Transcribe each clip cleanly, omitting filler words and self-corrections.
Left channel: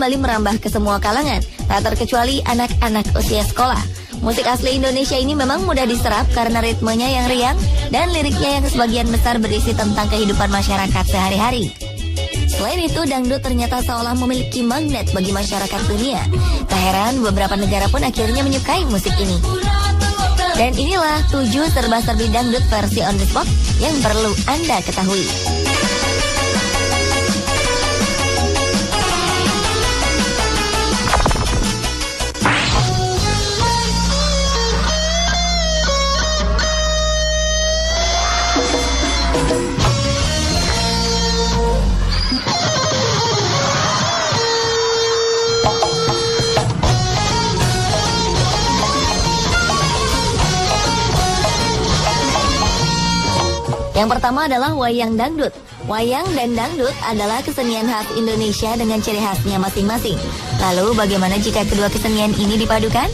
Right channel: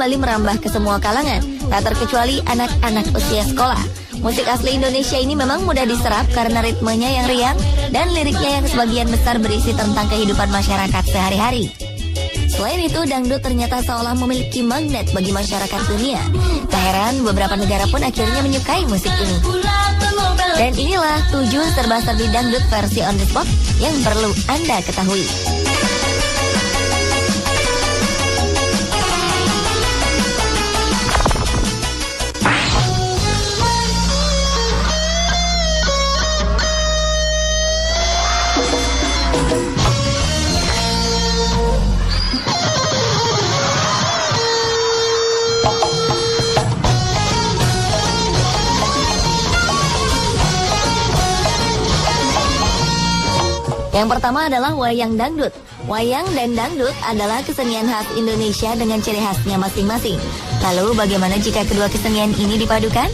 kembali merambah ke semua kalangan, tak terkecuali anak-anak usia sekolah. Musik asli Indonesia ini memang mudah diserap karena ritmenya yang riang dan liriknya yang sebagian besar berisi tentang kehidupan masyarakat sehari-hari. Selain itu, dangdut ternyata seolah memiliki magnet bagi masyarakat dunia. Tak heran, beberapa negara pun akhirnya menyukai musik ini. Dan inilah 7 serba-serbi dangdut versi on the spot yang perlu Anda ketahui. Yang pertama adalah wayang dangdut. Wayang dan dangdut adalah kesenian khas Indonesia dengan ciri khasnya masing-masing. Lalu bagaimana jika kedua kesenian ini dipadukan?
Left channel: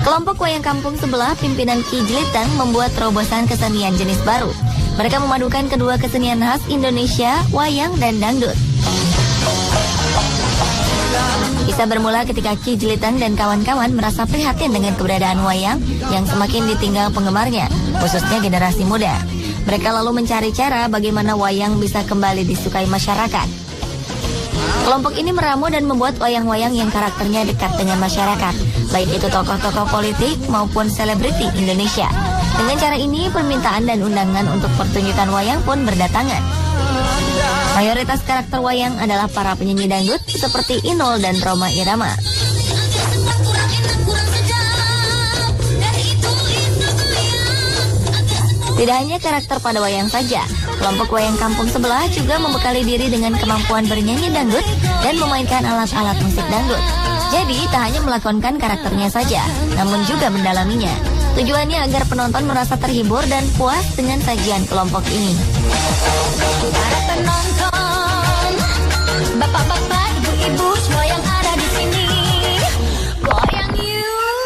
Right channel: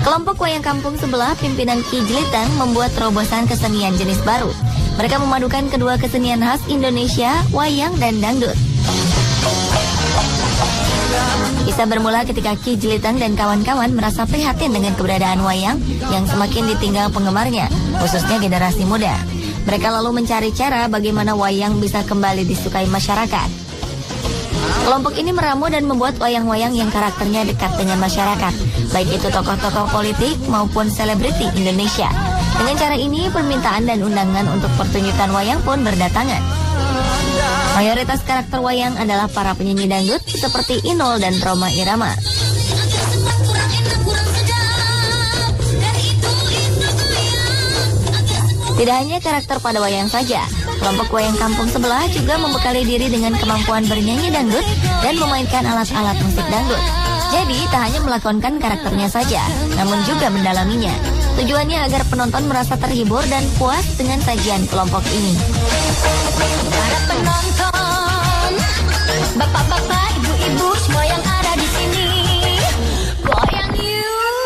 Kelompok wayang kampung sebelah pimpinan Ki Jilitan membuat terobosan kesenian jenis baru. Mereka memadukan kedua kesenian khas Indonesia, wayang dan dangdut. Bisa bermula ketika Ki Jilitan dan kawan-kawan merasa prihatin dengan keberadaan wayang yang semakin ditinggal penggemarnya, khususnya generasi muda. Mereka lalu mencari cara bagaimana wayang bisa kembali disukai masyarakat. Kelompok ini meramu dan membuat wayang-wayang yang karakternya dekat dengan masyarakat, baik itu tokoh-tokoh politik maupun selebriti Indonesia. Dengan cara ini, permintaan dan undangan untuk pertunjukan wayang pun berdatangan. Mayoritas karakter wayang adalah para penyanyi dangdut seperti Inul dan Rhoma Irama. Tidak hanya karakter pada wayang saja, kelompok wayang kampung sebelah juga membekali diri dengan kemampuan bernyanyi dangdut dan memainkan alat-alat musik dangdut. Jadi, tak hanya melakonkan karakternya saja, namun juga mendalaminya. Tujuannya agar penonton merasa terhibur dan puas dengan sajian kelompok ini. Bapak-bapak, ibu semua yang ada di sini, goyang yuk.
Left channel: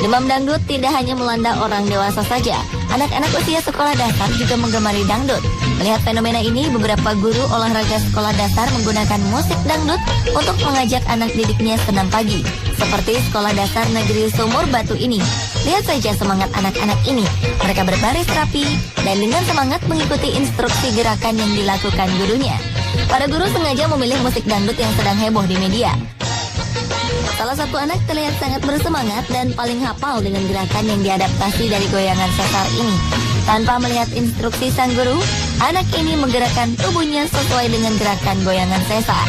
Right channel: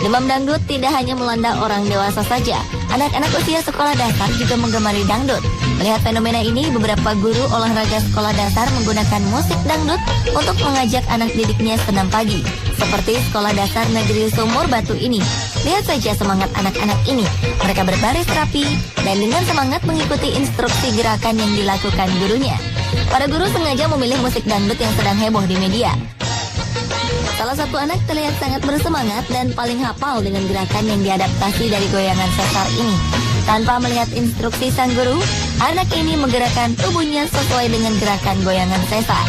Demam dangdut tidak hanya melanda orang dewasa saja. Anak-anak usia sekolah dasar juga menggemari dangdut. Melihat fenomena ini, beberapa guru olahraga sekolah dasar menggunakan musik dangdut untuk mengajak anak didiknya senam pagi. Seperti Sekolah Dasar Negeri Sumur Batu ini. Lihat saja semangat anak-anak ini. Mereka berbaris rapi dan dengan semangat mengikuti instruksi gerakan yang dilakukan gurunya. Para guru sengaja memilih musik dangdut yang sedang heboh di media. Salah satu anak terlihat sangat bersemangat dan paling hafal dengan gerakan yang diadaptasi dari goyangan sesar ini. Tanpa melihat instruksi sang guru, anak ini menggerakkan tubuhnya sesuai dengan gerakan goyangan sesar.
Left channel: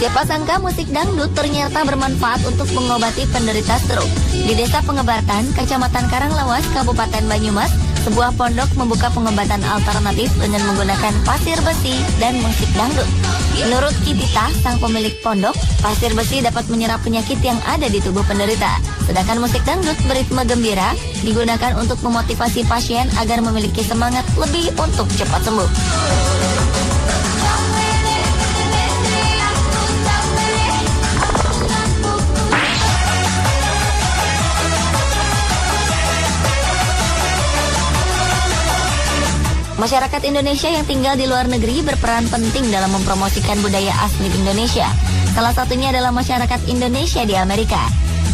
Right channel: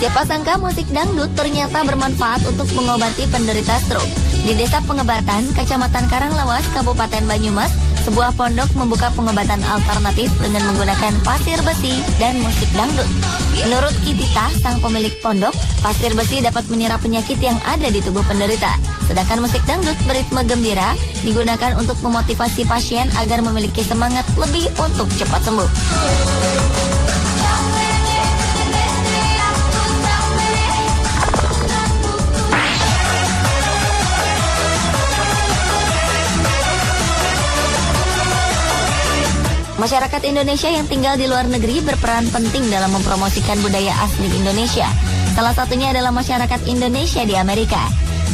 Siapa sangka musik dangdut ternyata bermanfaat untuk mengobati penderita stroke. Di Desa Pengebatan, Kecamatan Karanglewas, Kabupaten Banyumas, sebuah pondok membuka pengobatan alternatif dengan menggunakan pasir besi dan musik dangdut. Menurut Kitita, sang pemilik pondok, pasir besi dapat menyerap penyakit yang ada di tubuh penderita. Sedangkan musik dangdut beritme gembira digunakan untuk memotivasi pasien agar memiliki semangat lebih untuk cepat sembuh. Masyarakat Indonesia yang tinggal di luar negeri berperan penting dalam mempromosikan budaya asli Indonesia. Salah satunya adalah masyarakat Indonesia di Amerika.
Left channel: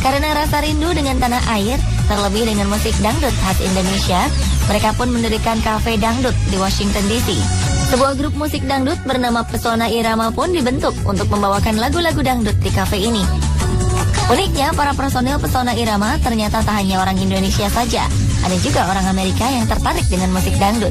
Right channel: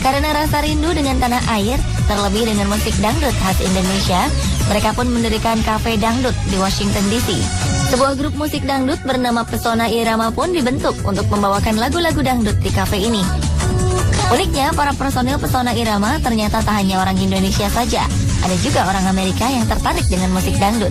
Karena rasa rindu dengan tanah air, terlebih dengan musik dangdut khas Indonesia, mereka pun mendirikan kafe dangdut di Washington DC. Sebuah grup musik dangdut bernama Pesona Irama pun dibentuk untuk membawakan lagu-lagu dangdut di kafe ini. Uniknya, para personil Pesona Irama ternyata tak hanya orang Indonesia saja, ada juga orang Amerika yang tertarik dengan musik dangdut.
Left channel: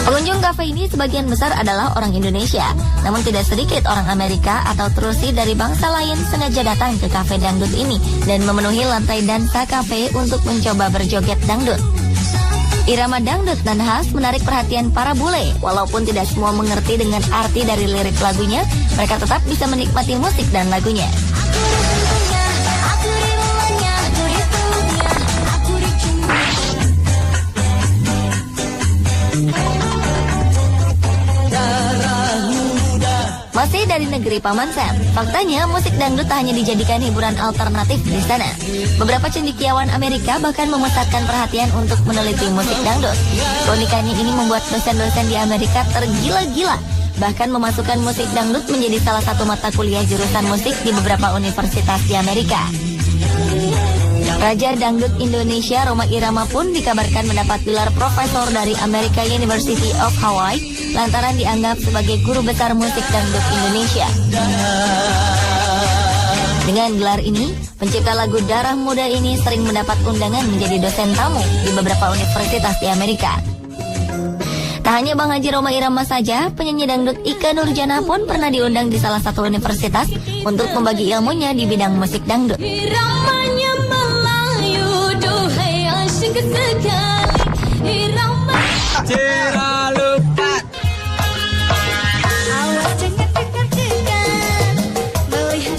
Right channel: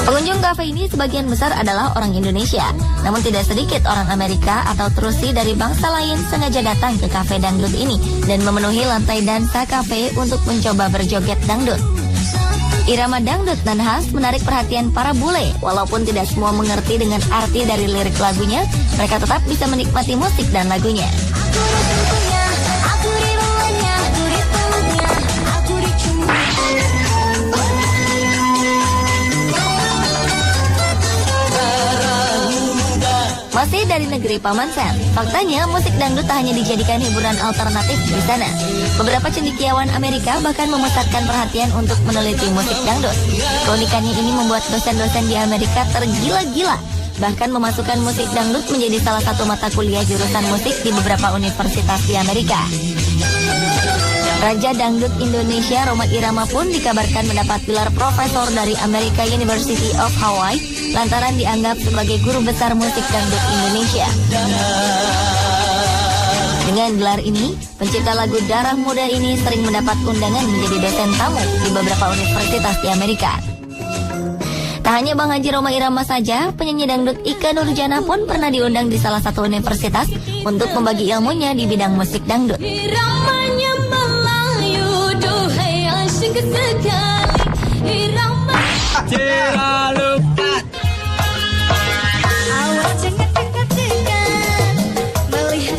Pengunjung kafe ini sebagian besar adalah orang Indonesia, namun tidak sedikit orang Amerika atau Trusi dari bangsa lain sengaja datang ke kafe dangdut ini dan memenuhi lantai dansa kafe untuk mencoba berjoget dangdut. Irama dangdut dan khas menarik perhatian para bule. Walaupun tidak semua mengerti dengan arti dari lirik lagunya, mereka tetap bisa menikmati musik dan lagunya. dari negeri Paman Sam. Faktanya, musik dangdut tak hanya dijadikan hiburan alternatif di sana. Beberapa cendekiawan Amerika bahkan memusatkan perhatian untuk meneliti musik dangdut. Keunikannya ini membuat dosen-dosen di Amerika tergila-gila, bahkan memasukkan musik dangdut menjadi salah satu mata kuliah jurusan musik di beberapa universitas di Amerika. Raja Dangdut Indonesia Rhoma Irama pun dikabarkan mendapat gelar profesor dari American University of Hawaii lantaran dianggap sebagai guru besar musik dangdut Indonesia. Dengan gelar ini, pencipta lagu Darah Muda ini sering mendapat undangan menjadi dosen tamu di beberapa universitas di Amerika. Tak hanya Bang Haji Rhoma Irama saja, penyanyi dangdut Ikke Nurjanah pun pernah diundang di salah satu universitas untuk membagi ilmunya di bidang musik dangdut.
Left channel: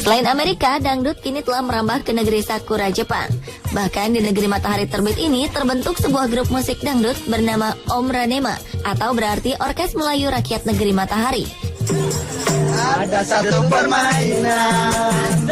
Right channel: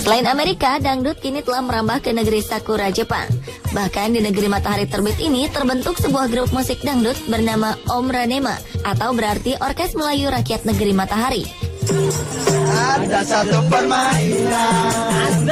Selain Amerika, dangdut kini telah merambah ke negeri Sakura, Jepang. Bahkan di negeri matahari terbit ini terbentuk sebuah grup musik dangdut bernama Om Ranema, atau berarti Orkes Melayu Rakyat Negeri Matahari. Ada satu permainan,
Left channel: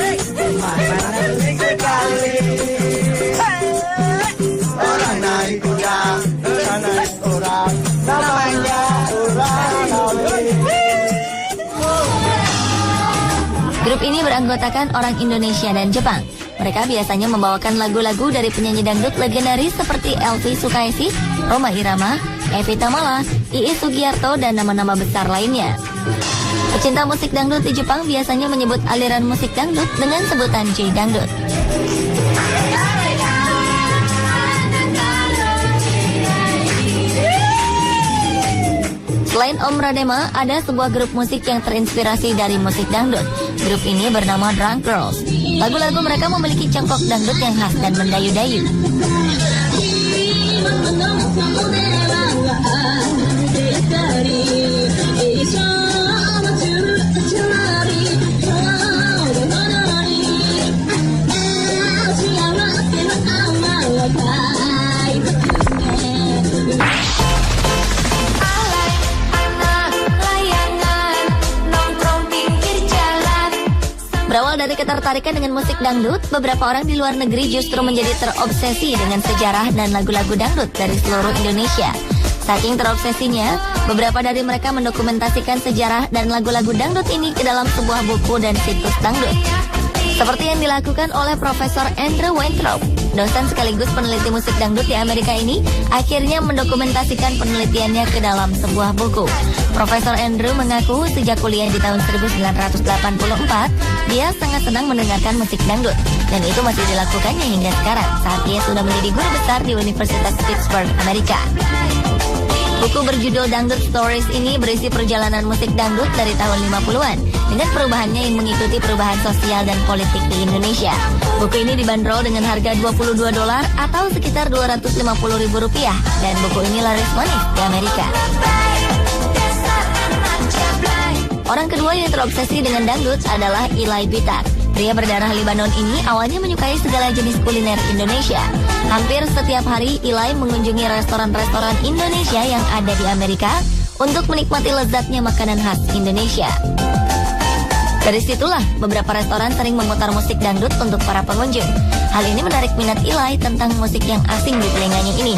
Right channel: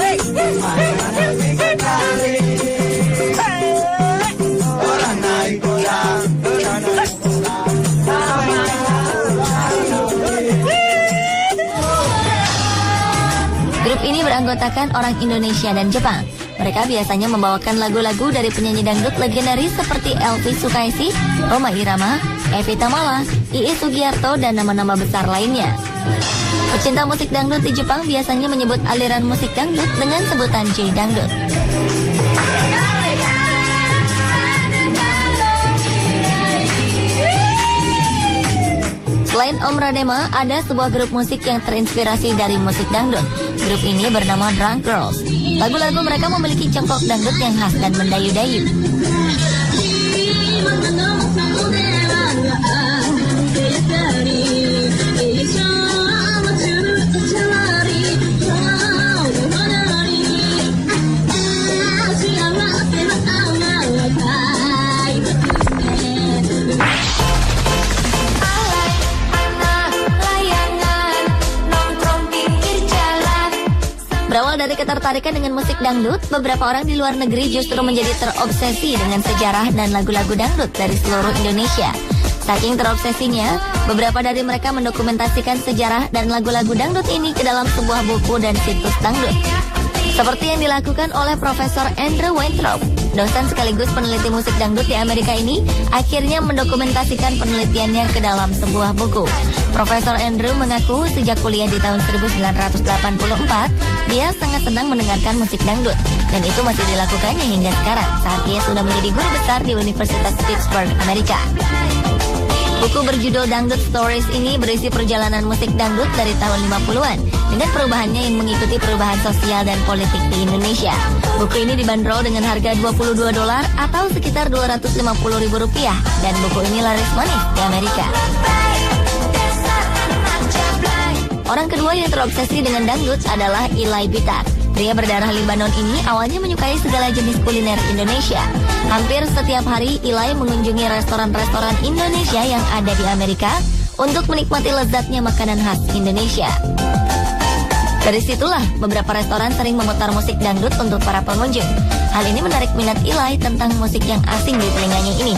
grup ini beranggotakan orang Indonesia dan Jepang. Mereka biasanya membawakan lagu-lagu dari penyanyi dangdut legendaris seperti Elvi Sukaesih, Rhoma Irama, Evi Tamala, Iis Sugiarto, dan nama-nama besar lainnya. Pecinta musik dangdut di Jepang biasanya menyebut aliran musik dangdut dengan sebutan J-dangdut. Selain Om Ranema, ada sebuah grup musik yang terinspirasi dari musik dangdut. Grup ini bernama Drunk Girls. Lagu-lagu mereka memiliki congkok dangdut yang khas dan mendayu-dayu. Berawal dari ketertarikan dengan musik dangdut, beberapa orang di luar negeri justru menjadi terobsesi dengan sejarah dan lagu-lagu dangdut dari seluruh Indonesia. Saking terobsesinya, beberapa dari mereka mendokumentasikan sejarah dan lagu-lagu dangdut ini ke dalam sebuah buku dan situs dangdut. Seperti yang dilakukan oleh Profesor Andrew Weintraub, dosen sekaligus peneliti musik dangdut di Amerika ini, akhirnya mendokumentasikan penelitiannya ke dalam sebuah buku. Profesor Andrew mengaku sejak kuliah di tahun 1984, dia sangat senang mendengarkan musik dangdut, dan itu masih dilakukannya hingga sekarang saat dia sudah menjadi guru besar di Universitas Pittsburgh, Amerika. Buku berjudul Dangdut Stories ini berisi perjalanan musik dangdut dari tahun 50-an dengan perubahannya yang mengikuti perubahan sosial dan politik di Indonesia. Buku ini dibanderol dengan harga $22 atau sekitar Rp250.000 dan buku ini laris manis di Amerika. Orang kedua yang terobsesi dengan dangdut adalah Eli Bitar. Pria berdarah Libanon ini awalnya menyukai segala jenis kuliner Indonesia. Hampir setiap hari Eli mengunjungi restoran-restoran Indonesia yang ada di Amerika untuk menikmati lezatnya makanan khas Indonesia. Dari situlah beberapa restoran sering memutar musik dangdut untuk para pengunjung. Hal ini menarik minat Eli tentang musik yang asing di telinganya ini.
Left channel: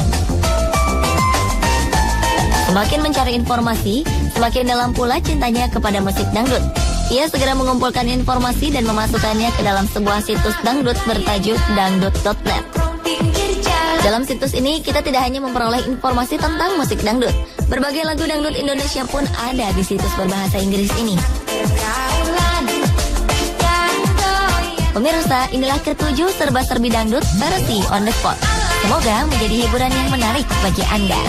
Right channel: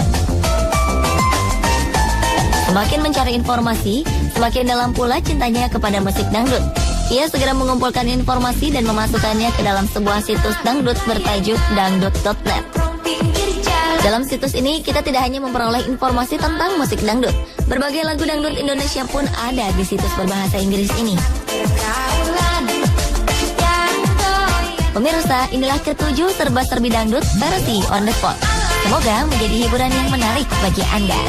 Semakin mencari informasi, semakin dalam pula cintanya kepada musik dangdut. Ia segera mengumpulkan informasi dan memasukkannya ke dalam sebuah situs dangdut bertajuk dangdut.net. Dalam situs ini, kita tidak hanya memperoleh informasi tentang musik dangdut. Berbagai lagu dangdut Indonesia pun ada di situs berbahasa Inggris ini. Pemirsa, inilah ketujuh serba-serbi dangdut versi on the spot. Semoga menjadi hiburan yang menarik bagi Anda.